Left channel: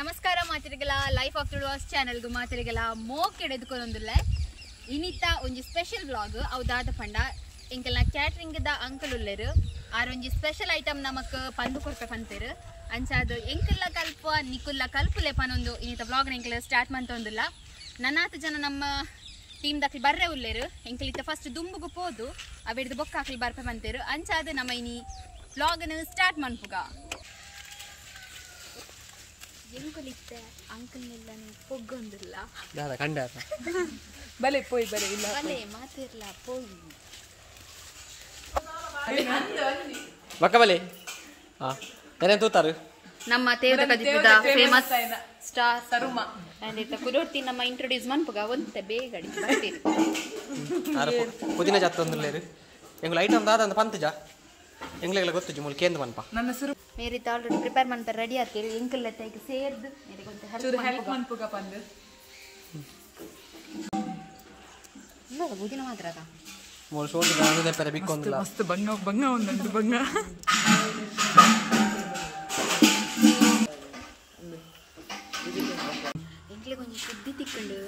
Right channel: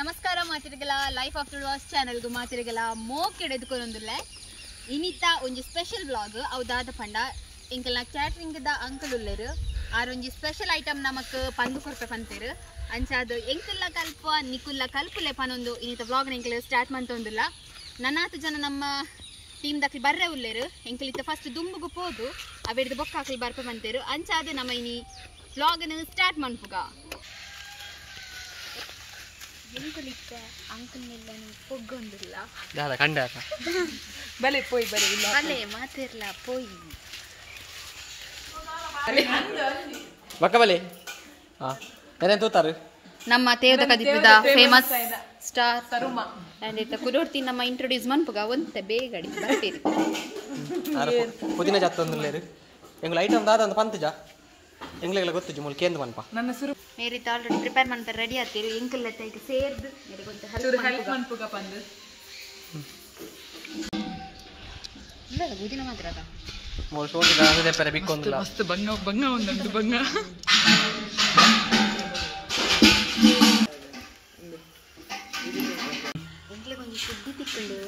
ನಮಸ್ಕಾರ ಮಾತಿರಿಗಲ life of Tuluvas ಚಾನೆಲ್ಗೂ ಮಾತಿರಿಗಲ ಮೋಕ್ ಎಡೆದುಕೊಂದುಲ್ಲ ಇನಿತ ಒಂಜಿ ಸ್ಪೆಷಲ್ ಬ್ಲಾಗ್ ಅವದಾದ ಪಂಡ ಇಂಕಲ್ನ ಕ್ಯಾಟ್ರಿಂಗ್ ದ ಅಂಕಲ್ ಉಲ್ಲೆರು ಆರೊಂಜಿ ಸ್ಪೆಷಲ್ ಐಟಮ್ ನಮಕ್ ಪಂದು ಕೊರ್ಪೆ ಪಂತೇರು ಅಂಚಾದ ಎಂಕಲ್ಲ ಕಲ್ಪ ನಿಕುಲ್ಲ ಕಲ್ಪಲೆ ಪನೊಂದು ಇನಿತ ಬ್ಲಾಗ್ ಎಂಕಲ್ ಸ್ಟಾರ್ಟ್ ಮಂತೊಂದುಲ್ಲ ನನ್ನಾತು ಜನ ನಮ್ಮ ಟೀಮ್ ದಾಖಲಿ ಬರ್ರೆ ಉಲ್ಲೆರು ಎಂಕಲಿತ ಫಸ್ಟ್ ದುಂಬುಗು ಪೋದು ಅವೆಡ್ದು ಬೊಕ್ಕ ಹಾಕಲಿ ಬರ್ಪೆ ಬಂತೇರು ಅಂಚಾದ ನಮ್ಮ ಇನಿ ಬ್ಲಾಗನ್ನು ಸ್ಟಾರ್ಟ್ ಮನ್ಪುಗ ಎಂಕಲಿತ್ತ ಅಂಕಲ್ ಮೆಲ್ಲ ಪೊಗ್ಗೊಂದಿಲ್ಲ ದಾದ ಕಂಡಾರ ಬಲೆ ಪೋಯ್ ಬಲೆ ಇಲ್ಲ ಬಲೆ ಮಾತಿರ್ಲ ಪೋಯಿ ಬಕ್ಕ ಬಲೆ ಹಾ ಏನೇನು ತೂತಾರು ನಮ್ಮ ತೇವದ ಕದಿಪಿದ ಫೇಮಸ್ ಸ್ಟಾರ್ ಸರುಮ ಅಂದಿತ್ತ ಕುಡೋರ್ತಿ ನಮ್ಮ ಇಂಟ್ರೊಡ್ಯೂಸ್ ಮನ್ಪುಗ ಒಂತೆ ಬೇಗಡಿ ಪುದೀನ ಜಾತ್ತೊಂದುಲ್ಲೇರು ಎಂಗ್ಳು ಐಟಮ್ ದಾದ ಒಂದು ಪಂತಜ ಎಂಗ್ಲೆಲ್ಲ ಗೊತ್ತು ಜುಮುಲ್ ಕೇಂದ್ರ ಮನ್ಪ ನನ್ನ ಸುರು ಮೇರಿತ ಆಲ್ರೆಡಿ ಪ್ರಿಪೇರ್ ಮಾಡ್ತಾರೆ ರೆಡಿ ಆಗ್ತೀರಿ ಎಂಕಲ್ ಈಗ ಸೇರ್ದು ಮೇರೆ ಕೊಂಚ ಹೆಲ್ಪ್ ಮನ್ಪುಗ ಪಂದು ಇಲ್ಲ ಬುದಿನ ಮಾತ್ರ ಅದ ಮೂರು ಸೋಟಿ ದಾದ ಪೆರೆ ಬಿಕ್ಕೊಂದಿಲ್ಲ ಮಸ್ತ್ ಬಂಗ ಬಂಗ ಒಂದಂದು ಬಂಗ ಎಂಕ್ಲೆ ಕೊಂಚ ಸುದ್ದಿ ತಿಕ್ಕೊಂಡು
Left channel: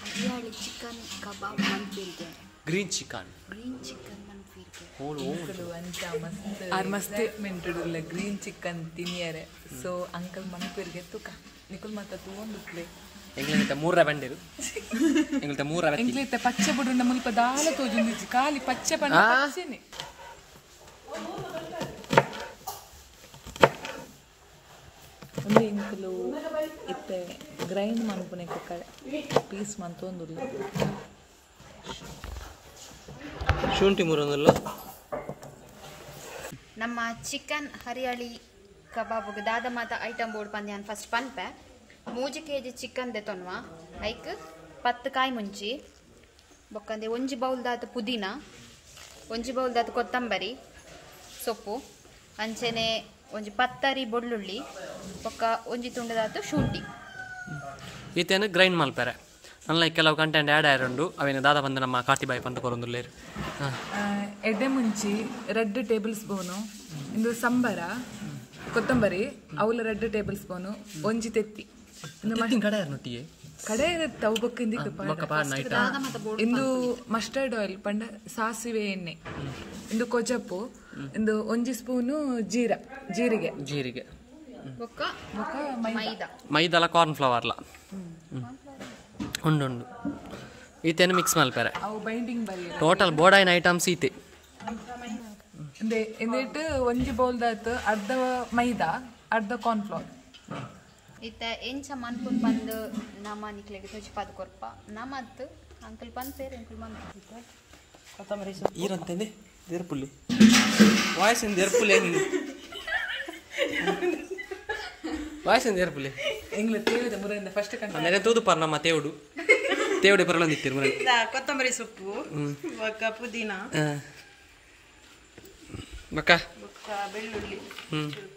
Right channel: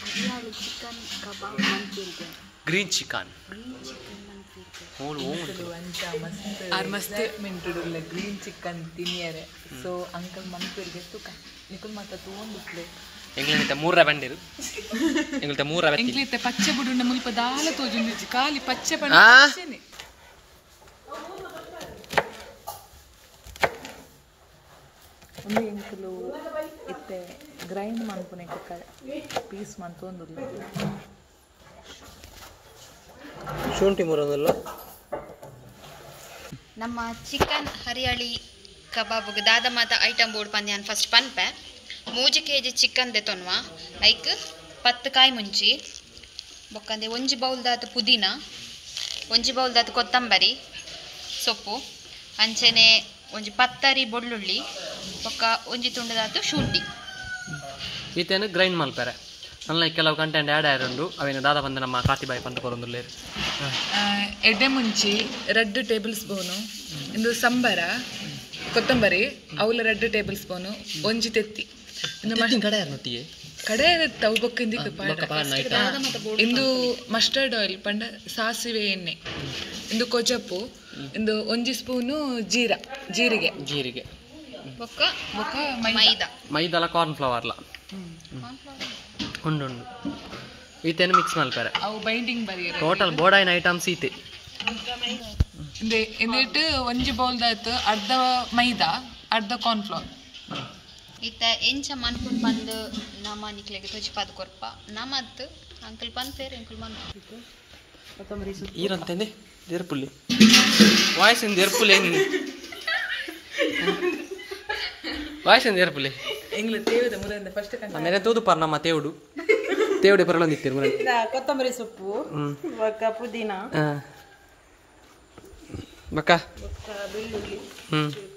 ಹರಿಯಾಳಿ ಚಿಕನ್ ಕಬಾಬ್ ಮಂಚೂರಿಗೆ ಗ್ರೀನ್ ಚಿಕನ್ ಗ್ರೀನ್ ಚಿಕನ್ ಮಂಚೂರಿಗೆ ಹೋಳು ಹೋಗುಂಟು ಮಸ್ತ್ ಮೆಂಟುಡುಲ್ಲ ಗ್ರೀನ್ ಚಿಕನ್ ತಿನ್ನಿಯರೆ ಸೊ ಅಂಕಲ್ ಮನ್ಪೂರಿಗೆ ತುಕ ನಿಕುಲ್ ಮಾತ ತಗೊಂಡ್ಬಿಟ್ಲೆ ಎಂಗ್ಲಿತ ಮೂರ ಬಂದಿರು ಎಂಗ್ಲಿತ ಮೂರ ವ್ಯಕ್ತಿ ಎಂಗ್ಲಿತ ಪಚ್ಚೆ ಬುಡುಂಡ ಮುಲ್ಪ ದಾಲ ತೋಜುಂದಿಜ್ಜಿ ಖಾಲಿ ಪಚ್ಚೆ ಬಣ್ಣ ಪಚ್ಚೆನೆ ಒಂದು ಇಂಕಲು ಇತ್ತೆ ಗ್ರೈಂಡ್ ಮನ್ಪುನೆ ಪೀಸ್ ಮಂತೊಂದುಲ್ಲ ಶುಂಠಿ ಮೂರೊಂದಲ್ಲ ನಮ್ಮ ಚಿಕನ್ ಹರಿಯಾಳಿ ಕಬಾಬ್ಗೆ ದಾದ ಮಾತ ಐಟಮ್ ಬೋರ್ಡ್ ಪಂದ್ಯಾನ್ ಫಸ್ಟ್ ಪನ್ಪೆ 3 kg ಚಿಕನ್ ದೆತೊನ್ವ ಲೈಕ್ 10 ಕಾಯಿ ಮುಂಚಿ ಬೊಕ್ಕಂದೆ 1 ಬೌಲ್ ದಾತ ಪುದೀನ 1 ಬೌಲ್ ದಾತ ಕೊತ್ತಂಬರಿ ಸೊಪ್ಪು ಅಂಚೆನೆ 1 ಪತ್ತರಿ ಬೊಳ್ಳುಳ್ಳಿ ಬೊಕ್ಕ 1 ತುಂಡು ದಾತು ಶುಂಠಿ ಈತೇನು ಗ್ರೈಂಡ್ ಮಲ್ಪೆರೆ ನನ್ನ ಕೆಲವು ಕಂಟೆಂಟ್ ಆ್ಯಡ್ ಆಯ್ರುಂಡು ಅವೇನು ದಾದ ಬಂದು ನಮ್ಮ ಕಾತಿಬಾಯಿ ಪಂತ ಕೊರೊಂದುಲ್ಲೇರು ಎಡ್ಡೆ ಮುಂಚಿ 2 ಟೇಬಲ್ ಸ್ಪೂನು ಇಂದು ಸಂಬರ ಕೊತ್ತಂಬರಿ ಅವಲ 2 ಟೇಬಲ್ ಸ್ಪೂನು ಒಂಜಿ ತೆತ್ತಿ ಕಡೆ ನೊಟ್ಟಿಗೆ ಕಡೆ ತವು ಬಕ್ಕಿಂದಿಕ್ಕೆ ಇಂದು ಮಸ್ಟರ್ಡ್ ಆಯಿಲ್ ಪಂಡ ಸಾಸಿವೆ ಎಣ್ಣೆ ಇಂದು ಕೊಜಪ್ಪು ಇಂದು 1 ಸ್ಪೂನು ಜೀರಿಗೆ ಬೊಕ್ಕ ಬೊಕ್ಕ ಮೈದಾ ಮೈದಲ ಕಾರ್ನ್ ಫ್ಲವರ್ಲ ಉಂಡು ಈತೇನು ಮಿಕ್ಸ್ ಮಲ್ಪೆರೆ ಅವು ಬೈಂಡಿಂಗ್ ಬರೀ ಟೋಟಲ್ ಬೋಡಾಯಿನ ಐಟಮ್ಸ್ ಈತೆ ಎಂದಿಟ್ಟು 1 ಬೌಲ್ ದಾತು ಅರ್ಧ ಮೈದಾ ಅರ್ಧ ಕಾರ್ನ್ ಫ್ಲವರ್ ಇತ್ತ ಎಂಚ ಮನ್ಪುಂಡು ಬಂದು ನಮ್ಮ ನಿಕ್ಲೆಗೆ ತುಜಿ ಪದ ಕೊರ್ಪ ನಮ್ಮತ್ತು ಅಂಕಲ್ ಪನ್ಪೇರು ಅಂಕಲ್ ಮನ್ಪು ಈರಂತಂದೆ ದೇರ್ಪುಲ್ಲಿ ವಾಯ್ಸಿಂದ ದೇರ್ಪುಲ್ಲಿ ವಾಯ್ಸಿಂದ ದೇರ್ಪುಲ್ಲಿ ಎಂಗ್ಲ ತೇವದ ಮುರಿಂದ ಫಸ್ಟ್ ನೆನೆ ತೂದು ಪರ್ ನಮ್ಮ ತೇವಡೆ ಪರಳೊಂದಿತ್ತೀರಿ ಮುರ ಕೊತ್ತಂಬರಿ ಸೊಪ್ಪು ಬೊಕ್ಕ ಪುದೀನ ಬಕ್ಕ ಬೊಕ್ಕ ಬೆಳ್ಳುಳ್ಳಿ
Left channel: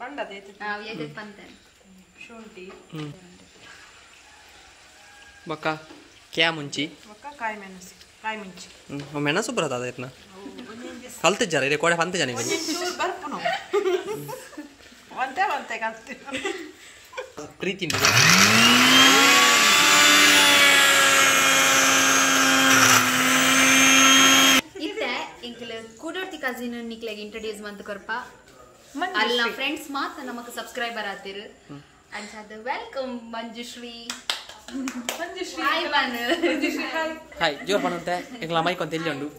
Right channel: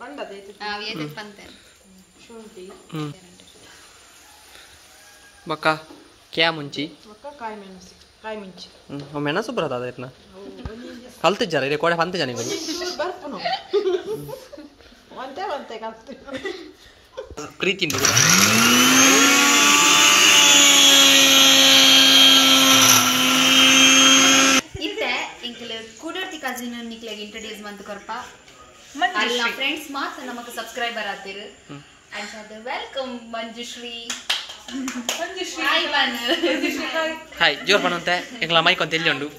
ಪಂಡದೈತಿ ಪಂತೆ ಶುಂಠಿ ಬಕ್ಕ ಕ್ಯಾ ಮುಂಚಿ ಬೊಕ್ಕ ಕಾಯಿ ಮುಂಚಿ ಮೆಣಸು ಬರೋದು ಅದನ್ನ ಕಲ್ತಿದ್ದಾರ ಇಲ್ಲಿ ಕೋಡೆ ಪಂತ ಜನ ಚೂರು ಬರ್ಪುನು ಒಂತೆ ಕಲ್ತಿ ಪ್ರೀತಿ ಇತ್ತೆ ಇಂಕಲ್ ಕೂಡೋರ್ತಿ ಕಸಿನ್ ನಿಕ್ಲೆಗೆ ಇಂಟ್ರೊಡ್ಯೂಸ್ ಮಂತ್ ಕೊರ್ಪ ಅಲ್ಲ ಫ್ರೆಂಡ್ಸ್ ಮಾತ್ರ ನಮಕ್ ಸಬ್ಸ್ಕ್ರೈಬರ್ ಆತಿರು ಅಂಡ್ ವೆಲ್ಕಮ್ ಮಂಜುಶ್ರೀ ಹಾಯ್ ಬನ್ ಹಾಯ್ ಜೋರ್ ಪಣಂತೆ ಎಂಗ್ಲ ಮೈಕ್ ಅಂತ ಎಲ್ಲಿ ಉಂಡು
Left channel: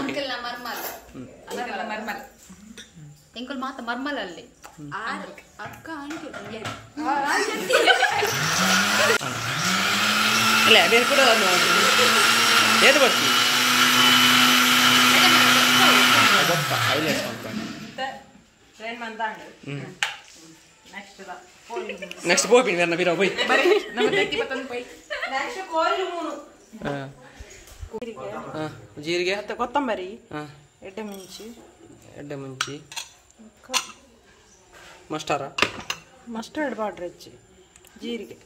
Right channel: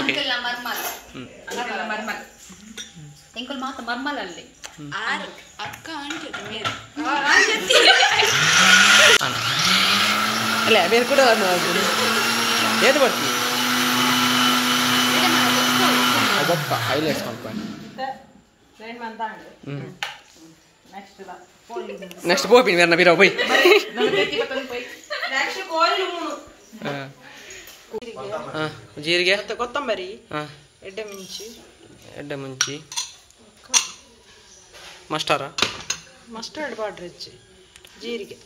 ಅಂಕಲ್ ಮರ್ಮಲ್ ಎಂಕಲ್ ಮಾತ ಮರ್ಮಲ್ ಅಲ್ಲಿ ಅಕ್ಕ ಅಲ್ಲ ಬೇರೆ ಕೂಡ ಏದು ಬರ್ತೀವಿ ಗೊತ್ತ ಹೈಲೈಟ್ಸ್ ಮಾಡ್ಕೊಂಡು ನೆಕ್ಸ್ಟ್ போய் வேற நபிரா போய் ಜೀರಿಗೆ ಕೊತ್ತಂಬರಿ ಎಡ್ಡೆ ಮುಂಚಿ ಮಸ್ಟರ್ಡ್ ಪೌಡರ್ ಹೆಚ್ಚಿ ಜೀರಿಗೆ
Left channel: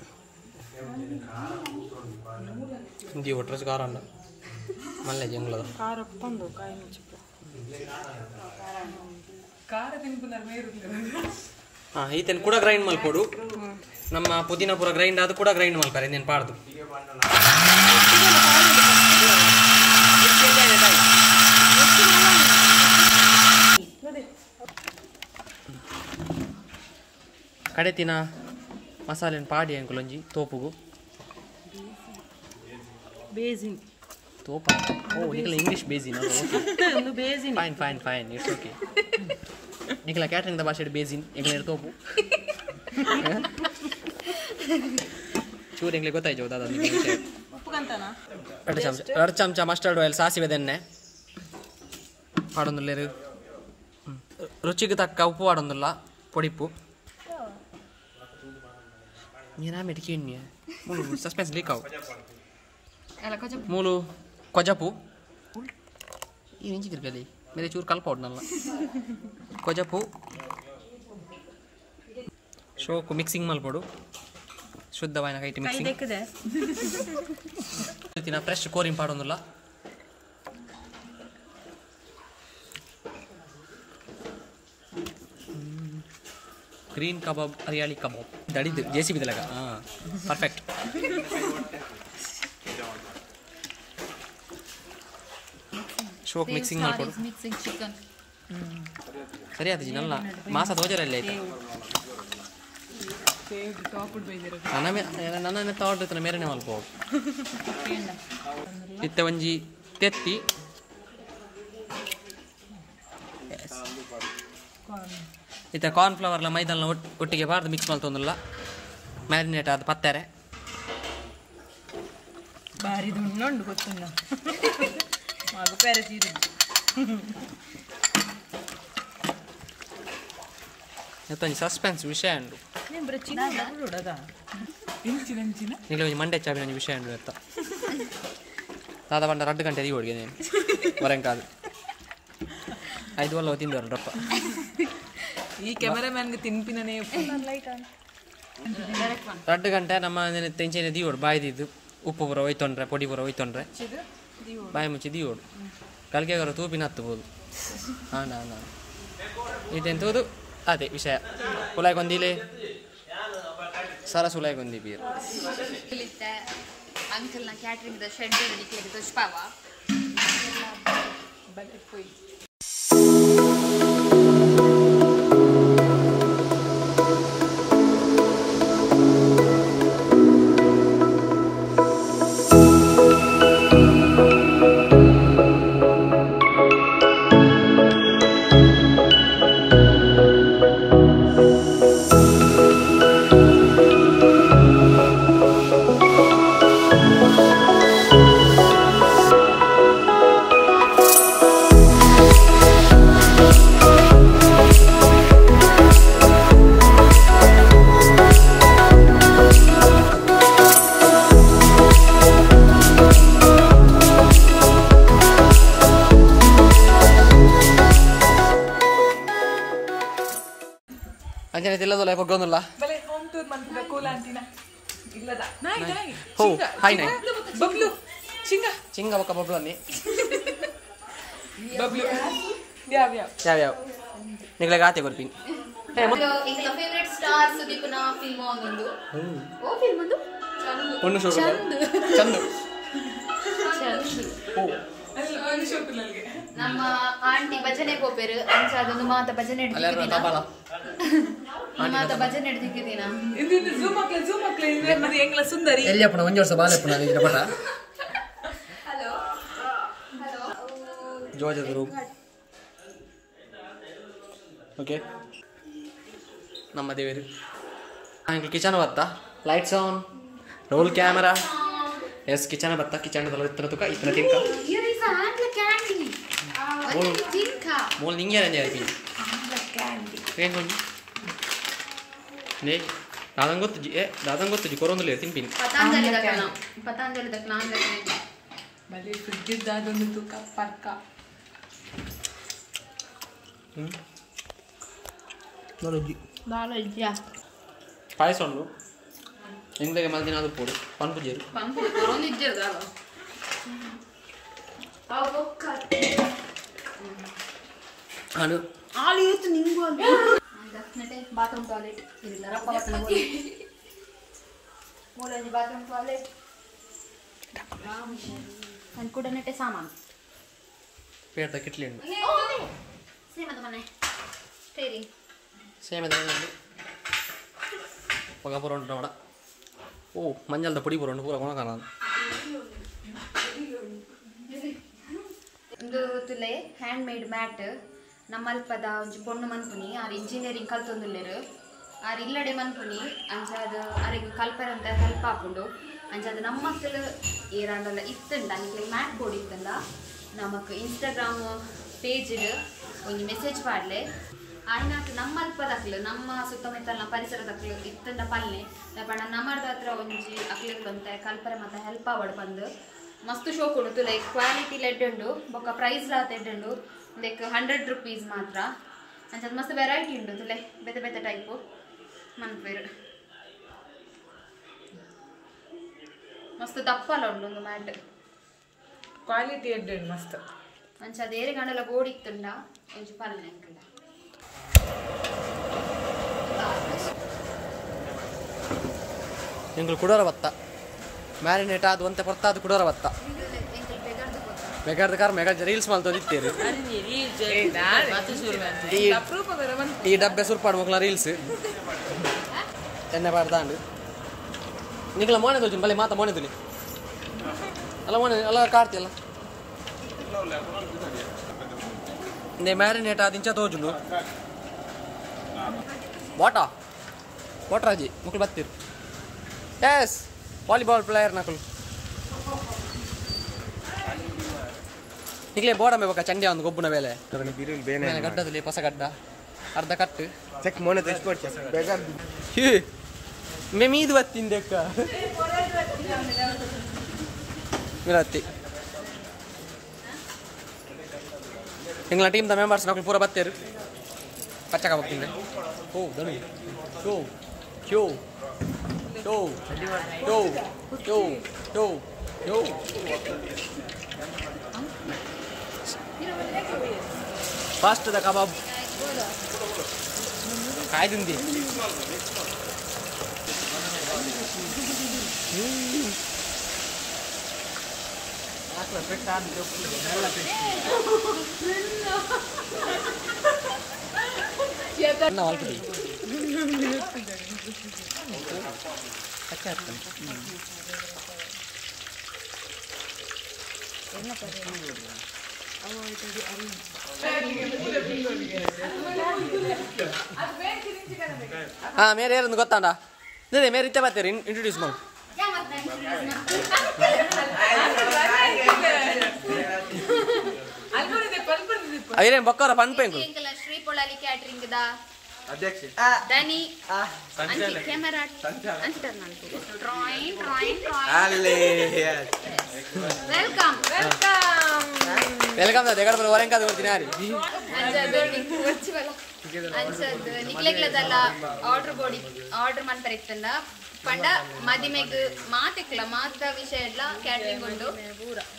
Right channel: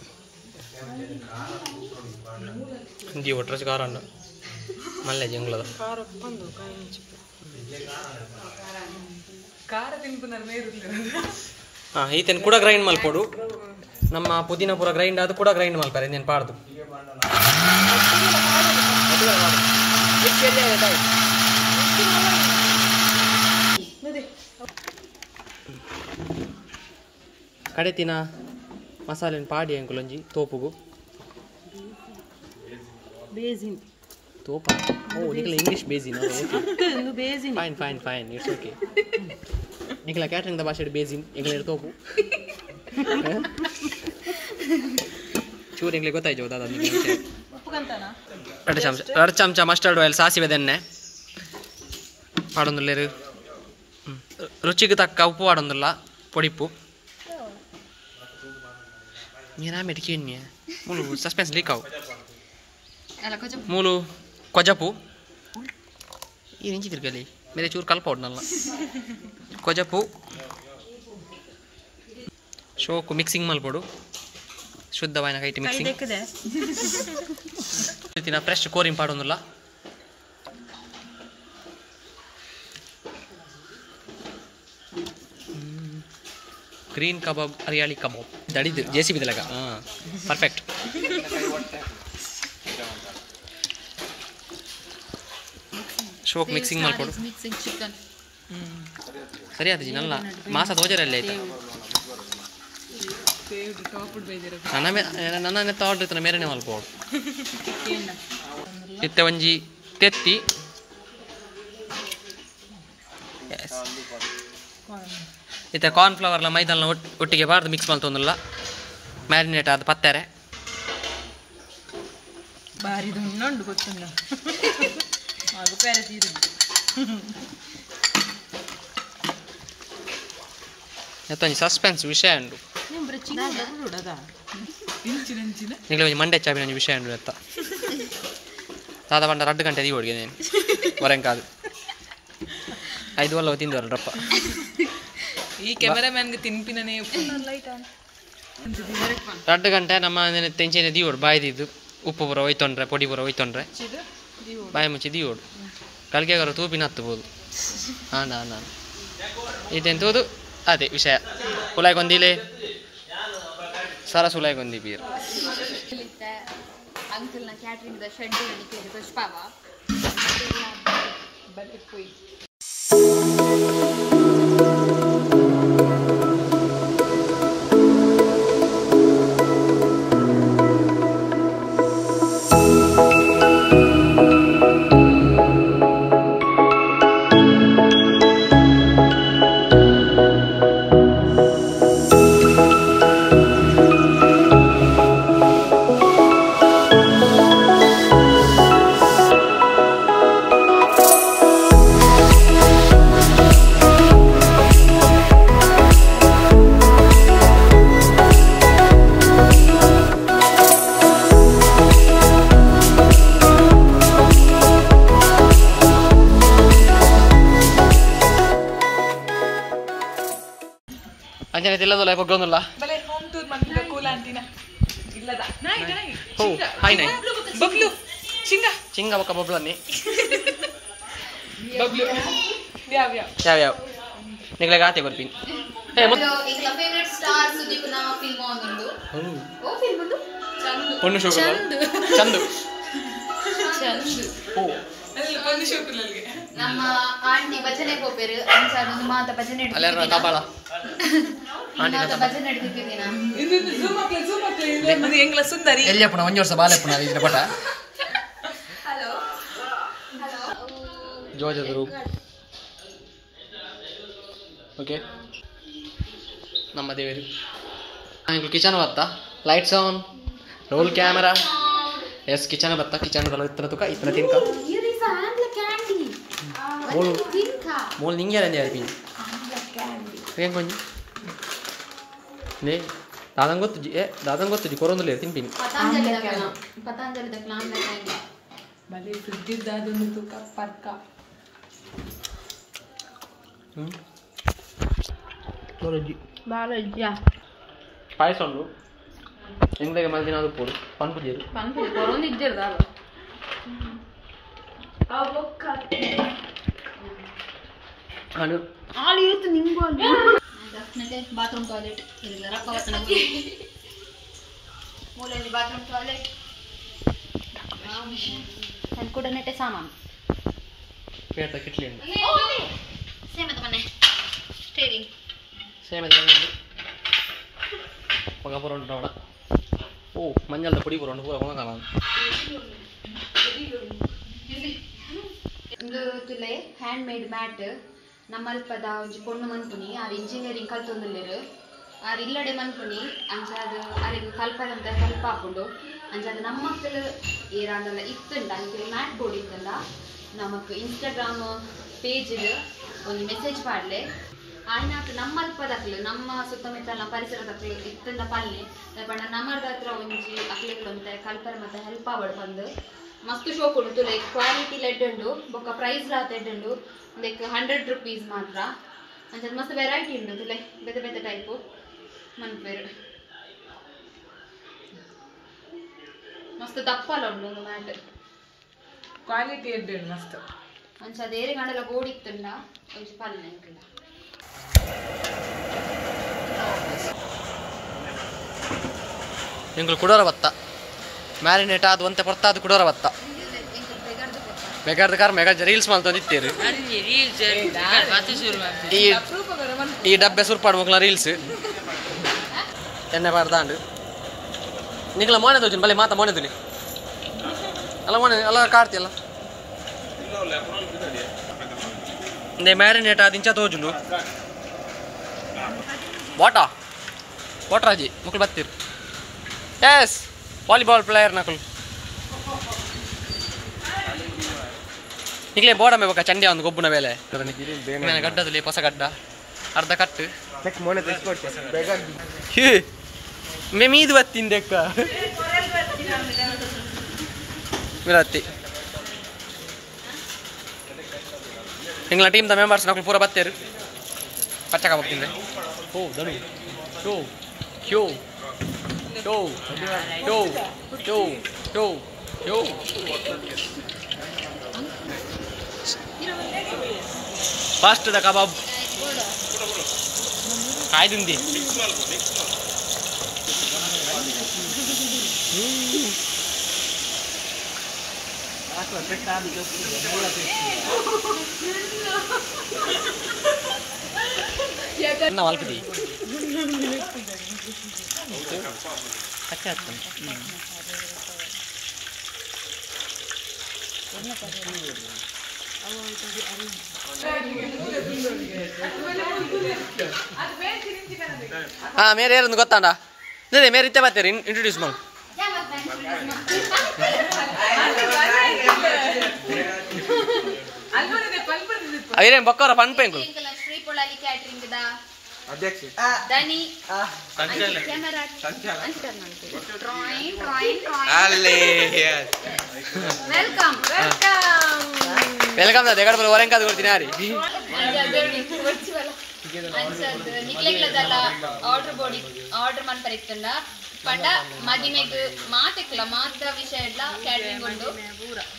ಜೀ ಒಟ್ರಸ್ ಖಾರ ಉಂಡು ಮಲ್ಲೆ ಜಂಗ್ಲದ ಖಾರ ಬಂದು ಕಾಯಿ ಮುಂಚಿ ಖಾರ ತಿನ್ಪುನರ್ ಮೇರು ಈತೇನು ಕೂಡ ಗ್ರೈಂಡ್ ಮಲ್ಪೋಡು ನಮ್ಮ ಪುದೀನ ಪೂರ ಗ್ರೈಂಡ್ ಅದು ಕೂಡ ಗ್ರೈಂಡ್ ಮಾಡ್ತಾರೆ ಇನ್ನೇನು ಪಾಡ್ದು ಕಡೆತಿನ ಮಸಾಲೆನ ಪಾಡಿ ಅಂಕುಲೊಂಜಿ ತೋಪುಗು ಬೇಸಿನ್ ತೋಪ ಓ ನಿಖಲ ಇಂಗ್ಲಿಷ್ ಬೇಸಿನ್ ಒಂದು basin fine fine fine it's okay ನಿಖಲ ಕ್ಯಾಟ್ರಿಂಗ್ ಭಾಷೆ ಬೇಸಿನ್ ಎಂಗ್ಲ ತೋಪು ಚೂರು ಎಂಗ್ಲಿಗೆ ಗೊತ್ತಾಯ್ತು ದಾದ ನಿಮಗೆ ಎರಡು ಚಮಚ ಮಸ್ಟರ್ಡ್ ಆಯಿಲ್ ಸಾಸಿವೆ ಎಣ್ಣೆ ಪಾಡೊಂದುಲ್ಲೇರು ರುಚಿಗೆ ತಕ್ಕ ಉಪ್ಪು ಪಾಡೊಂದುಲ್ಲ ಪೊಡಿಪ್ಪು ಮೀರಾ ಮೆಡಿಕೇನ್ಯ ಮೂಲು ಸಸ್ಪೆನ್ಸ್ ಲೀಕಾವು ಮೂಲು ಕೊಜಪು ಈ ನಿಂಚಿ ತಿರ್ಗಲಿ ಮೇರೆ ಚೂರು ಕಲ್ಪೋಡ್ನಲ್ಲ ಕೊಜಪು ಶೋಕು ಮಿಕ್ಸಿಂಗ್ ಮಲ್ಪೋಡು ಶುದ್ಧವಾಯಿನ ಕೈಟಿ ಮಿಕ್ಸಿಂಗ್ ಫ್ರೆಶ್ ಕೋರಿಂ ಪಾಡೊಂದುಲ್ಲ ಗ್ರೀನ್ ಕಬಾಬ್ ಹರಿಯಾಳಿ ಕಬಾಬ್ ದಡಿದು ಜೆ.ಸಿ.ಬಿ ದಲಗ ಪರ್ಫೆಕ್ಟ್ ಶೋಕ್ ಮಿಕ್ಸಿಂಗ್ ಮಾಡ್ಕೊಡು ಸರಿ ಆದ ನಲ್ಲ ಮಾಸ ತೋಜರಲ್ಲಿ ಆಯ್ತಾ ನನ್ನ ತಗೊಂಡಿರ್ತಾನೆ ಮೇರೆನೆ ಮಲ್ಪೋಡು ಇತ್ತೆ ಒಂಜಿ ತೆತ್ತಿ ಇತ್ತೆ ಕಾರ್ನ್ಫ್ಲವರ್ಲ ಮೈದಾನ ಒಟ್ಟಿಗೆ ಬಾರ್ದು ಮಿಕ್ಸ್ ಮಾಡ್ತೊಂದಿಲ್ಲ ಮ್ಯಾರಿನೇಟ್ ಆದ ಪತ್ತಾರೆ ಬಾರಿ ದುಣ್ಣುಂಡು ಗೊತ್ತುಂಡ ಮಗು ಪೇರೆ ತೀರು ಎತ್ತೊಂಜಿ ಸಸ್ಪೆನ್ಸ್ ವಿಷಯ ಉಂಡು ನಿಖಿಲ ಒಂಜಿ ಮಂಡೆ ಚಾಪಿನ ಒಂಜಿ ವಿಷಯ ಉಂಡು ಎತ್ತ ದಾದ ಪಂಡ 2 ಗಂಟೆ ದಿ ಓಡಿಗೆ ನೇನು ಹೊರಂಕಾದು 5 ವಲ್ಲ ತಿಂದವರಪ್ಪ ಈ ಕ್ಯಾಮರಾಮನ್ಗೆ ತಿನ್ಪಿನೇ 2 ಗಂಟೆ ನಮ್ಮ ತೆಂಚಿನ ದಿ ಓಡು ಬಾಯ್ದಿದ್ದು ಉಪ್ಪು ಪೂರ ಒಯ್ತೊಂಡ್ರೆ ಪೊಡಿ ಪೂರ ಒಯ್ತೊಂಡ್ರೆ ಬಾಯಿ ಮುಚ್ಚಿ ದಿ ಓಡು ಕಲ್ಕೆಗರ ತೂಪಿನ ಹತ್ತಬೋದು ನಾನು ಇದೆಂತೋದು ಅದೇ ವಿಷಯ ಉಲಾಯ್ಗೊಂದಿಲೆ ಸರಸ್ ಉಲಾಯ್ಗೊಂದಿ ಬೀರ್ ಅಂಕಲ್ನ ಕ್ಯಾಟ್ರಿಂಗ್ ಶೆಡ್ ನಿಕ್ಲಿಗೆ ತೋಚ್ಪಾವ ಅಂಜನೆ ತಿಲ್ಲದಲ್ಲ ಪೊಗ್ಗೊಂದಿಲ್ಲ ಬಲೆ ಹೋಮ್ ಟೂರ್ ಮಾಡ್ತಿದ್ದ ಕೂಲ ಅಂತಿನ ಇಲ್ಲದ ಹೋ ಹಾಯ್ ನಾಯ್ ಬಬ್ಲು ಚಿಂಗ ಬೊಕ್ಕ ಬಬ್ಲು ಅನ್ನಿ ಬಬ್ಲು ಯಾವ ಯಾವ ನಿಗ್ಲೆಗೆ ಆತೆ ಬರ್ತೀನಿ ಈಗ ಫೇವರೇಟ್ ಸ್ಟಾರ್ ಸುದೀಪ್ನ ಫಿಲ್ಮ್ ಒಂದುಂಡು ಓ ಫಿಲ್ಮ್ ಉಂಡು ಪೊಣ್ಣು ಶೋಕ ಚಂದು ಓ ಒಂದು ಶೋಕುಲಲ್ಗೆ ನಮ್ಮ ಆಂಟಿ ಭಜನೆ ಹೋಗ್ಬೇರು ಅಂಚಾದೊಂದು ಮಾತ ಭಜನೆ ಅಲ್ಲಾರ ತಾಪಾಳ ಮಾತ ಭಜನೆ ಹಿಡಿದಿದ್ದೀನ ಇದು ಝೂಮ್ ಹಾಕ್ಲೆ ಮತ್ತೆ ಎಂಗ್ಲ ಸುಂದರಿ ಎಲ್ಲಿಯಪ್ಪನ 1 ವರ್ಷ ಬಾಲೆಪ್ಪನ ಇದ್ರ ಪಟ ಹಲೋ ಜೋಜದ ರೂಪ್ ಓಕೆ ನಮ್ಮ ದೇವರು ಕಿಚನ್ ಬತ್ತಾ lights on roll camera yes kitchen ಬತ್ತಾ ಕಿಚನ್ ಬಲ್ಲ ಇತ್ತನ ತುಕ ಇತ್ತನ ತಿನ್ಕ ಮೂಲ ನಿಂಗೆ ರಂಜೆ ಆಯ್ತು ಏನು ಕೊಂಚ ನೇ ದಾದನ್ ಗೊತ್ತು ಕೊರೊಂದುಲ್ಲ ತಿಂಪಿನಿ ಪತಾಂಜಲಿದ ಕ್ಲಾನ್ ಬಲೆ ಸುದ್ದಿದ್ದಾದೊಂದು ತೂಕ ಪರ್ಕ ಪಾಯಸ ಉಂಡು ಎಂಗ್ಲೆಗೆ ಮಲ್ದಿನ ಅದು ಪೋಡು ಪನ್ಪುಜೇರು ಅದು ಬಾತ್ರೂಮ್ ಟಾಯ್ಲೆಟ್ ಇಲ್ಲ ರಪ್ಪ ಮೂಲಲ್ಲಿ ಬಾತ್ರೂಮ್ ಟಾಯ್ಲೆಟ್ ನಾನು ಕೂಡ ನೆಟ್ಟೆ ಸಾಮಾನು ಪೇಟದ ಕಿಟ್ಲಿ ಉಂಟು ಸೇಮದ ಮನೆ ಸ್ಟೇರಿಂಗ್ ಸೇಮದ ಮನೆ ಪಗ ಪುರ ಉಂಟು ನೋಡ ಓ ಮಂಜಲ್ದ ಪುಡಿ ಪುರ ಉಂಟು ಪೂರ ಗುಣ ಕಾಣ ಒಂದು ತುಲೆ ಹ್ಯಾಂಡ್ ಮೇಡ್ ಮ್ಯಾಟ್ ನಮ್ಮಲ್ಪದ ಒಂಜಿ ಪೊಣ್ಣು ಮನ್ಪುನಿ ಆರು ಇಂಜಿನಿಯರಿಂಗ್ ಕಲ್ತೊಂದುಲ್ಲೆರು ಆರು ಇಲ್ಲಡೆ ಮನ್ಪುನಿ ಅಂಚಾದ ಆರಿಗೆ ಕಲ್ಪರೆ ಅಂತ ಹೆಲ್ಪ್ ಹಾಕೊಂಡು ಅಂಚಾದ ನಮ್ಮ ಮಕ್ಕಳು ಏರಾಂಡಲ್ಲ ಇತ್ತುಂಡ ಅದಕ್ಕೆ ಮ್ಯಾಟ್ ಬೋರ್ಡ್ ಇತ್ತಂದ ನಮಕ್ ಇನ್ಸ್ಟಾಗ್ರಾಮ್ ಪೇಜ್ ಒಂದು ಮೆಸೇಜ್ ಪಾಡ್ಲೆ ಆಯ್ನಾಕ್ ನಮ್ಮ ಅಲ್ಪದಕ್ಲು ನಮ್ಮ ಸುತ್ತಮುತ್ತಲಿನ ಪರಿಸರದಕ್ಲು ಇತ್ತಂದ ಪಾಲನೆ ಪಂಡ ನಮ್ಮದ ಹತ್ರ ಒಂಜಿ ಅಕ್ಲಿಗಳು ಅಂತ ಕಲ್ಪರೆ ಮತ್ತು ಹೆಲ್ಪ್ ಆವಡು ಬಂದು ಮಸ್ತ್ ಶೋ ಕೊಡುತ್ತು ಲೈಕ್ ಕ್ವಾಲಿಟಿ ಲೆಡ್ಡು ಬೊಕ್ಕ ಪ್ರೈಸ್ ರಾತ್ ಎಡ್ಡು ಲೈಕ್ 100 rupees ಮಾತ್ರ ಅಂಚದ ಮಸ್ತ್ ವೆರೈಟಿ ಉಂಟು ತುಲೆ ಬೇತೆ ಬೇತೆ ಟೈಪು ಮನ್ಪೇರು ಮಸ್ತ್ ದಪ್ಪಲ ಉಂಡು ಒಂದು ಮ್ಯಾಟ್ ಕ್ವಾಲಿಟಿ ಎಡ್ಡೆ ಮಸ್ತ್ ಅಂಚದ ಏರೆ ಗಂಡಲ ಗೋಡಿತ್ತುಂಡ ಒಂಚು ಪಾಲನೆ ಅಂಕಲ್ಲ ಎಂಗಳು ಕುಡೋರ ಬತ್ತ ಮ್ಯಾರಿನೇಟ್ ಆದ ಒಂತೆ ಪೊರ್ತಾದ ಕುಡೋರ ಬತ್ತ ಬೇಕಾದ ಕಾರ್ ಮೆಗಾ ರೀಲ್ಸ್ ಮಾಡ್ತಂದಿತ್ತೇರು ಈ ಡಬ್ಬೆ ಸುರ್ಪಾಡು ಮಕ್ಕಳ ರೀಲ್ಸ್ ಎಣ್ಣೆ ಪಾಡ್ದಾಂಡು ನಿಂಗಳ ಮೋನೆ ತೋಜುನ್ ಬಲೆ ಮಾತ ಮೋನೆ ತುಲಿ ಅಲ್ಲ ಮೋನೆ ಅಲ್ಲ ಕಾಡ್ತಿಯಲ್ಲ ಇಂದೆ ಮ್ಯಾರಿನೇಟ್ ಆದ ಇಂಚ ತೋಜುಂಡು ವಾಟರಾಜಿ ಮಕ್ಕಳು ಬತ್ತಿರು ಎಸ್ ವಾಲಿಬಾಲ್ ಪ್ಲೇಯರ್ ನಕಲು ಈಗಲೇ ಬೋಡಮೆ ಬೇಕಾ ಚಂಡಿ ಒಂದು ಗೊಬ್ಬನ ಬೇಲೆ ಗಡ್ಡದಲ್ಲಿ ಹೊಸ ಗಡ್ಡ ಅರ್ಧ ಕಟ್ಟು ಮೇ ಮೀದು ಬತ್ತಿಂದೆಕ್ಕ ವಿರತ್ತಿ ಎಂಗ್ಲ ಟೀಮ್ದ ಮೆಂಬರ್ಸ್ ನಕಲು ಪೂರ ಬತ್ತೇರು ಪಚ್ಚಕ ಹೋಗ್ತಿಂದೆ ಓ ದಡು ಯೋ ಕ್ಯೋ ಯೋ ಯೋ ಯೋ ಯೋ ಯೋ ಫಾಸ್ಟ್ ದ ಕಬಾಬ್ ಕಾಯ್ದುಂದಿ ಅಲ್ಪದಿ ಕಚ್ಚಾ ಹಾಂ ಮೇರೆ ಯಾರೊಂದು ಗೊತ್ತಾಂಡ ಅದೇ ಮೇರೆ ಇತ್ತೆ ಬರ್ತೀರಿ ಇಂಟ್ರೊಡ್ಯೂಸ್ ಮಾಡಿ ಅವೇನೇನು ಬಕ್ಕವರ ಫನ್ ಪೇಂಕು ಶ್ರೀ ಪೊಳಲಿ ಕ್ಯಾಟ್ರಿಂಗ್ ದ ಅಧ್ಯಕ್ಷ ದನಿ ಕ್ಯಾಮೆರಾ ಅಂಚಿಟರ್ ನಂತು ಟ್ರಾಯಿಂಗ್ ಟ್ರಾಯಿಂಗ್ ವೆಲ್ಕಮ್ ವೆಲ್ಕಮ್ ದ ದೇಗಡ ಬರ ವರೆಂಕ ಅದು ಕೊಡ್ತೀನಿ ಯಾರಿ ಅನ್ಸದ್ ನಿಕ್ಲೆಗ್ಲದಲ್ಲ ಆರ್ಡರ್ ಮನ್ಪರ ಇತ್ತಂಡ ಪಂಡ ಮದಿಮೆಗ್ ಮಾತೆಕ್ಲ ಮಾತ ವಿಷಯ ಎಲ್ಲ ಕ್ಯಾಟ್ರಿಂಗ್ ಉಂಡು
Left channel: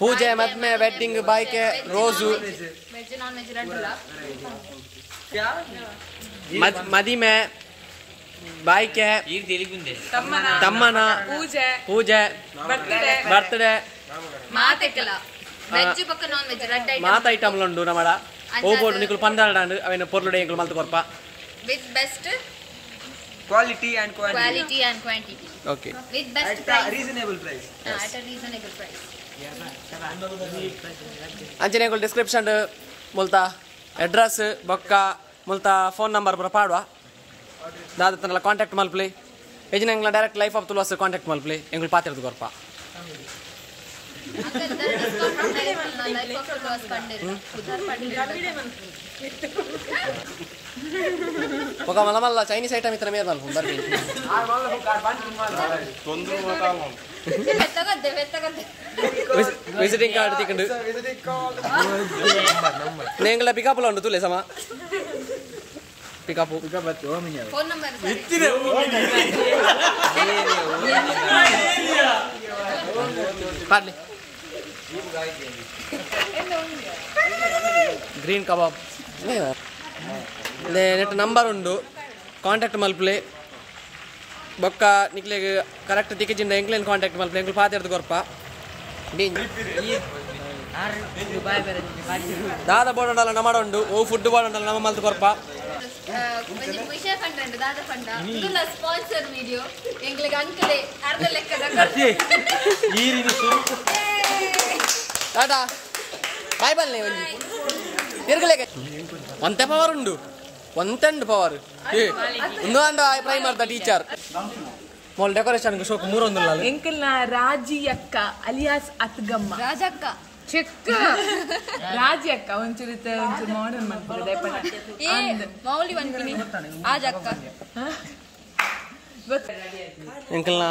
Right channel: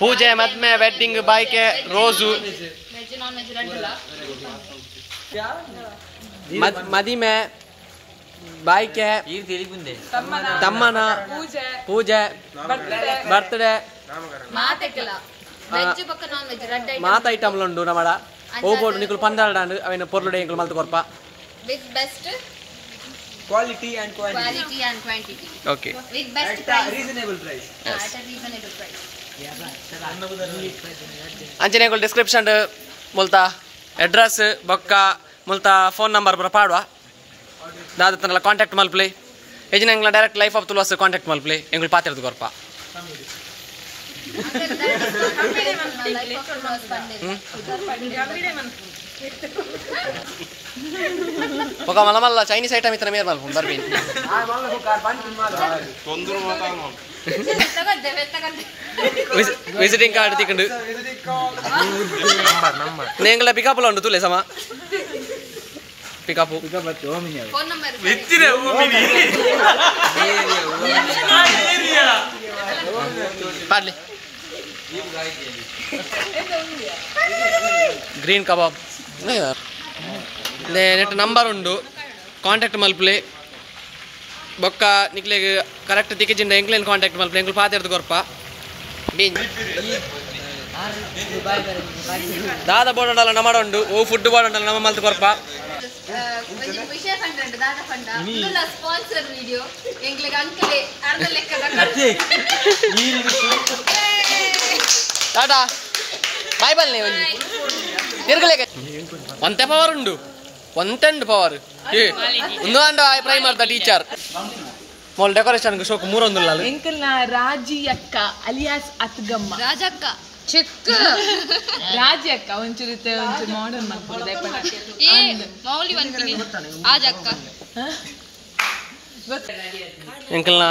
ಪೂಜೆ ಮದ್ಮೆ ವೆಡ್ಡಿಂಗ್ ಬಾಯ್ಕೆ ರೋಸು ವೆಜ್ ನಾನ್ ವೆಜ್ ರಡ್ಡುಲ ಮದಿಮೆ ಬಾಯ್ಕೆ ತಮ್ಮನ ಪೂಜೆ ಬರ್ತ್ಡೇ ಮಾತೆಕ್ಲ ವೆಜ್ ಪಕ್ಕ ನಾನ್ ವೆಜ್ ರಡ್ಡ ಮಾತ ಐಟಮ್ಲು ಉಂಡು ನಮ್ಮಡ ಓಬೋಡು ನಿಕುಲು ಪಂದಾಡಾಂಡು ಅವೇನು ಪೊರ್ಲುಡೆ ಎಂಕುಲು ಮಲ್ತು ಕೊರ್ಪ with best quality and quantity okay with best price reasonable price at a reasonable price ಅಂಚನೆ ಎಂಕುಲು ಡಿಸ್ಕ್ರಿಪ್ಷನ್ ಮುಲ್ತಾ ಅಡ್ರೆಸ್ ಬೊಕ್ಕ ಮುಲ್ತಾ ಫೋನ್ ನಂಬರ್ ಪೂರ ಪಾಡುವ ದಾದ ತನಲ ಕಾಂಟ್ಯಾಕ್ಟ್ ಮಲ್ಪ್ಲಿ ಎಜಿನ ಎಂಗ್ಲ direct life of Tuluvas contact ಮಲ್ಪ್ಲಿ ಎಂಕುಲು ಪಾತಿರದು ಕೊರ್ಪ ఒక మళ్ళీ చైనీస్ ఐటమ్ ఇతర మీరు మళ్ళీ బర్బీ విజిటింగ్ కార్డు తిక్కండు నేను పికప్లో ఉండు తూలే సమా పికప్ పార్లీ గ్రీన్ కబాబ్ నెట్ ನಂಬರ್ ಉಂಡು ಕಾಂಟ್ಯಾಕ್ಟ್ ಮಲ್ಪಲೆ ಬೊಕ್ಕ ನಿಕ್ಲೆಗ್ ಕರೆಕ್ಟ್ ತಿಕ್ಕಿಜಿಂದ ಎಂಕ್ಲೇನ್ ಕಾಂಟ್ಯಾಕ್ಟ್ ಮಲ್ಪ ಎಂಕ್ಲು ಪಾತೆರ್ದು ಕೊರ್ಪ ಬೀನ್ ದಾದ ಬೋಡಲ್ಲ ನಮ್ಮ ಉಂಡು ಓ ಫುಡ್ ಬೋಡಲ್ಲ ನಮ್ಮ ಮಲ್ತು ಕೊರ್ಪ ವಿಷಯ ಕಂಡು ದಾದ ಪಂಡ ಸ್ಪಾನ್ಸರ್ ವಿಡಿಯೋ ಎಂಗ್ಲಿಗೆ ಅಂಕಲೆ ಅರ್ಧ ಲೆಕ್ಕದ ಟಾಟಾ ಬಾಯ್ ಬಲ್ಲೆ ಒಂಜಿ ತಿರ್ಗಲೇಕ ಒಂತೆ ಪವರ್ ಉಂಡು ಒಂತೆಂಡು ಪವರ್ ಒಂದು ಅಂಡ ಪ್ರೈ ಮಾಡ್ದ ಟೀಚರ್ ಮೊಲ್ ಡೆಕೋರೇಷನ್ ಶೋಕ್ ಮೂರೊಂದು ಎಂಕಲ್ನ ರಾಜಿ ಅಕ್ಕ ಅಲಿಯಾಸ್ ಅತ್ಗಮ್ಮ ರಾಜಕ್ಕ ಚೆಕ್ ರಾಜಿ ಅಕ್ಕ ಒಂಚೂರು ಒಂಚೂರು ಮಾಡರ್ನ್ ಮಾಡ್ಬೋದು ದಯಪಟ್ಟ ಮೌಲಿ ಬಂತೀನಿ ರಾಜಕ್ಕ ಎಂಕಲ್ನ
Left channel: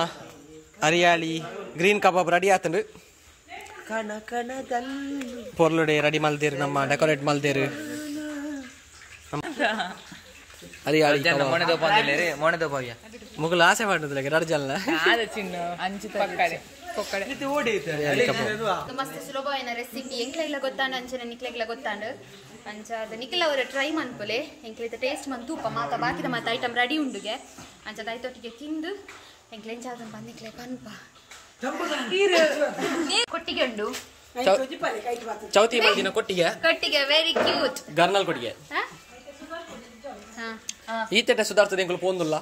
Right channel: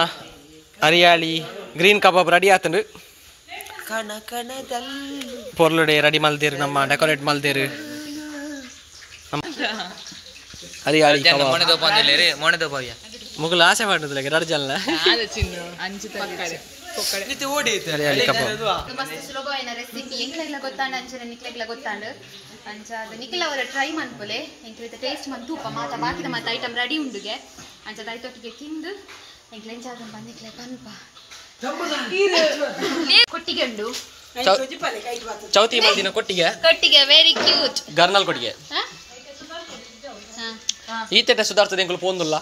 ಹರಿಯಾಳಿ ಗ್ರೀನ್ ಕಬಾಬ್ ರೆಡಿ ಆತಂಡು ಪೊರ್ಲುಡೆ ರೆಡಿ ಮಲ್ದೇರು ನಮ್ಮ ಡೆಕೋರೇಟ್ ಮಲ್ದೇರು ಹರಿಯಾಳಿ ಕಬಾಬ್ ಮುಗುಲು ಆಸೆ ಮಾಡುದಿಲ್ಲ ರಡ್ಜಲ್ಲ ಹರಿಯಾಳಿ ಕಬಾಬ್ ಮಸ್ತ್ ಸುಲಭವಾದ ರೆಸಿಪಿ ಎಂಕ್ಲೆಗ್ಲ ಗೊತ್ತಾಂಡು ಅಂಚನೆ ನಿಕ್ಲೆಗ್ಲ ಗೊತ್ತಾಂಡು ಅಂಚಾದ ನಿಕ್ಲ ಅವರ ಟ್ರೈ ಮನ್ಪೊಲೆ ಎಂಕ್ಲೆದ ಟೇಸ್ಟ್ ಮನ್ ತೂಪ ಮಾತ ಬಾಕಿದ ಮಾತ ಐಟಮ್ ರೆಡಿ ಉಂಡುಗೆ ಅಂಚದ ಐತೊಟ್ಟಿಗೆ ತಿಂದು ಎಂಕ್ಲೆ ಎಂಚಾದ ಬಂದಿಕ್ಲೆ ಕನ್ಪ ಕೊಟ್ಟಿಗೆ ಉಂಡು ಚೌತಿ ಮಲ್ದಿನ ಕೊಟ್ಟಿಗೆ ಕೊಟ್ಟಿಗೆ ವೆರಿ ಕ್ಯೂಟ್ ಗರ್ನಲ್ ಕೊಟ್ಟಿಗೆ ಈತೆಟ ಸುಧಾರ್ತದೆ ಎಂಕುಲು ಪೋಂದುಲ್ಲ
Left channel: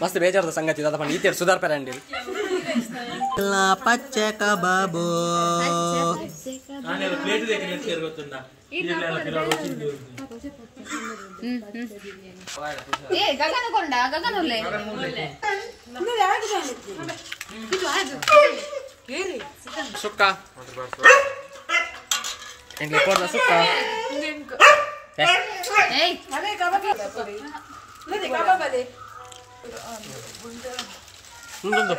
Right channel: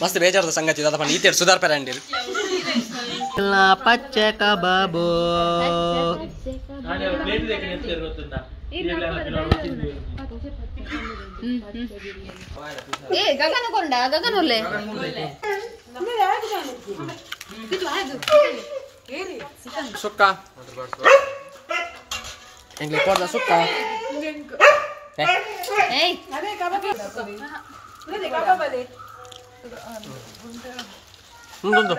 ಮಸ್ತ್ ಬೇಜಾರದ ಸಂಗತಿ ದಾದ ಪಂಡ ಈತೆಟ ಸುಧಾರ್ ಪೆರಂಡಿರು ಪಚ್ಚೆ ಕಬಾಬು ಏ ಗಗನ ಕೊಂಡ ಗಗನೊಲ್ಲೆ ಸುಕ್ಕ ಎಂಗ್ಲೆ ಕೊಡ್ದ ಸುಕ್ಕ ಏಯ್ ಮುಂದೊಂದು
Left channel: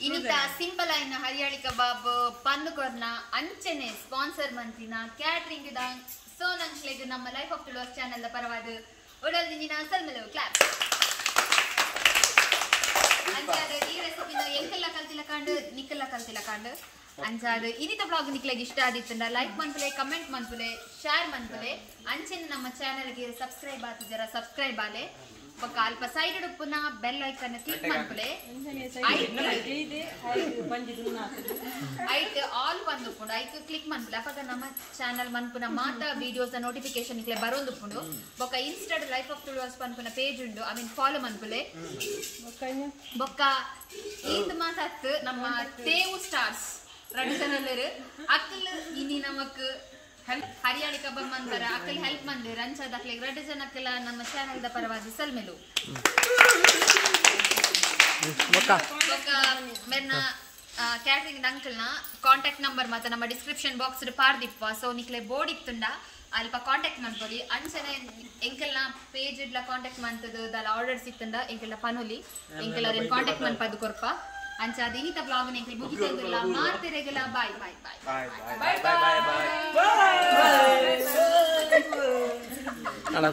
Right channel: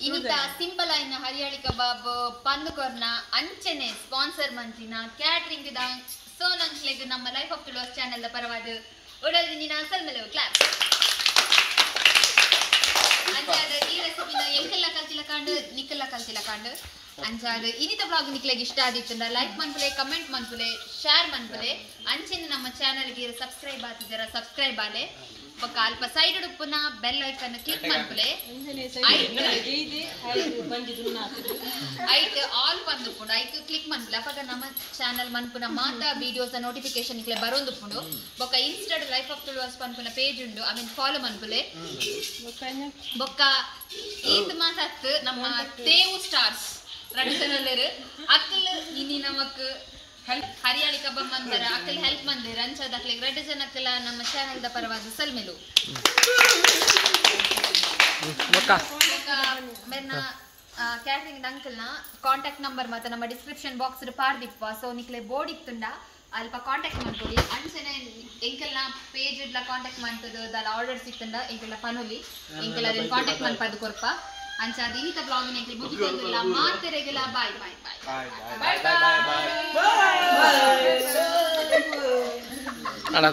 ಇನ್ನಿತ ಸಿಂಪಲ್ ಆಯ್ನ ಹರಿಯಾಳಿ ಕಬಾಬ್ ಪಂದುಕೊರ್ನ ಅಂಚನೆ ಸ್ಪಾನ್ಸರ್ ಮಂತ್ರಿನ ಕ್ಯಾಟ್ರಿಂಗ್ ದ ಸೋನಂಕ್ಲೆಗ್ ನಮ್ಮ ಲೈಫ್ ಆಫ್ ಟುಲೋಸ್ ಚಾನೆಲ್ ಪರವಾದ ಒಡಲಿನ ಸಲ್ಮೆಲವು ಕ್ಲಾಪ್ ಅಂಚಾದ ಈ ರೆಸಿಪಿನ ಎಂಕೆಲ್ಲ ಕಲ್ತಿಲ್ಲ ಕಾಂಡು ನಿಕ್ಕೆಲ್ಲ ಕಲ್ತಿಲ್ಲ ಕಾಂಡು ಅಂಚಾದ ಇನ್ನಿತ ಬ್ಲಾಗ್ ನಿಕ್ಲೆಗ್ ಇಷ್ಟ ಆದಿತ್ತಂಡ ಲೈಕ್ ಮನ್ಪುಲೆ ಕಮೆಂಟ್ ಮನ್ಪುಲೆ ಶೇರ್ ಮನ್ಪುಲೆ ಅಂಚಿನ ನಮ್ಮ ಚಾನೆಲ್ಗೆ ಸಬ್ಸ್ಕ್ರೈಬ್ ಆತಿದ್ದಾರ ಸಬ್ಸ್ಕ್ರೈಬ್ ಆಲೆ ಬೊಕ್ಕ ಅಲ್ಪ ಸೈಡ್ ಉಪ್ಪುನ ಬೆಲ್ ಐಕನ್ ಕ್ಲಿಕ್ ಮನ್ಪುಲೆ ಐಟ್ ಆಲ್ ಬಂದುಪ್ಪುಂಡು ಐಕ್ ಕ್ಲಿಕ್ ಮನ್ಪುಲೆ ಅಪಗ ನಮ್ಮ ಚಾನೆಲ್ ಮನ್ಪುನ ಮಾತ ವಿಡಿಯೋಸ್ ನೋಟಿಫಿಕೇಶನ್ ಇಕ್ಲೆ ಬರೋಂದುಪ್ಪುಂಡು ಬೊಕ್ಕ ಇನ್ಸ್ಟಾಡ್ ಲೈಫ್ ಆಫ್ ಟುಲೋಸ್ ಪನ್ಪುನ ಪೇಜ್ ಉಂಡು ಐ ಮೀನ್ ಫಾಲೋ ಮನ್ಪುಲೆ ಬೊಕ್ಕ ಈದ್ ಮಾತತ್ ನಮ್ಮ ತೇವು ಸ್ಟಾರ್ಸ್ ರಡಿಸನಲ್ಲರು ಅಕ್ಕಲ್ ಇನಿ ನಮಕ್ ಹರಿಯಾಳಿ ಕಬಾಬ್ ಮಂದರ ಅಕ್ಕಲ್ ಹೆಲ್ಪ್ ಮಂದಿರ ಅಂಚದ ಅಕ್ಲೆ ರೆಡ್ ಜನಕ್ಕಲ ನಮ್ಮ ಚಾನೆಲ್ ದ ಪರವಾದ ಸಲ್ಮೆಲು ಬೊಕ್ಕ ಮೇರ್ನ ಕ್ಯಾಟ್ರಿಂಗ್ ಅಂಕಲ್ನ ಕಾಂಟ್ಯಾಕ್ಟ್ ನಂಬರ್ ಮಾತ ನಮ್ಮ ಡಿಸ್ಕ್ರಿಪ್ಷನ್ ಬಾಕ್ಸ್ ಪಾರ್ದಿಪ್ಪ ಸೊ ನಿಕ್ಲೆ ಬೋರ್ಡ್ ಇತ್ತುಂಡ ಅಲ್ಪ ಕಾಂಟ್ಯಾಕ್ಟ್ ಮಾಡ್ಕೊಳ್ಳಿ ಅಂಚನೆ ಎಂಕೆಲ್ಲ ಪೇಜ್ ಇಡ್ಲ ಕಾಂಟ್ಯಾಕ್ಟ್ ಮಾಡ್ತದ ದಾಲ ಆರ್ಡರ್ಸ್ ಇತ್ತುಂಡ ಎಂಕೆಲ್ಲ ಪನುಲಿ ಎಂಕೆಲ್ಲ ಅದನ್ನ ಕಾಂಟ್ಯಾಕ್ಟ್ ಮಾಡ್ಪದು ಕೊರ್ಪ ಅಂಚ ಅದು ಇನ್ನಿತ ಬ್ಲಾಗ್ ನೆಂಕಲ್ ಮುಗಿಸೋದಿಲ್ಲ ಮಾತಿರೆಗೆಲ್ಲ ಬಾಯ್ ಬಾಯ್ ಬಾಯ್ ಬಾಯ್ ಬಾಯ್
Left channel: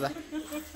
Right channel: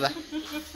ಬಾಯ್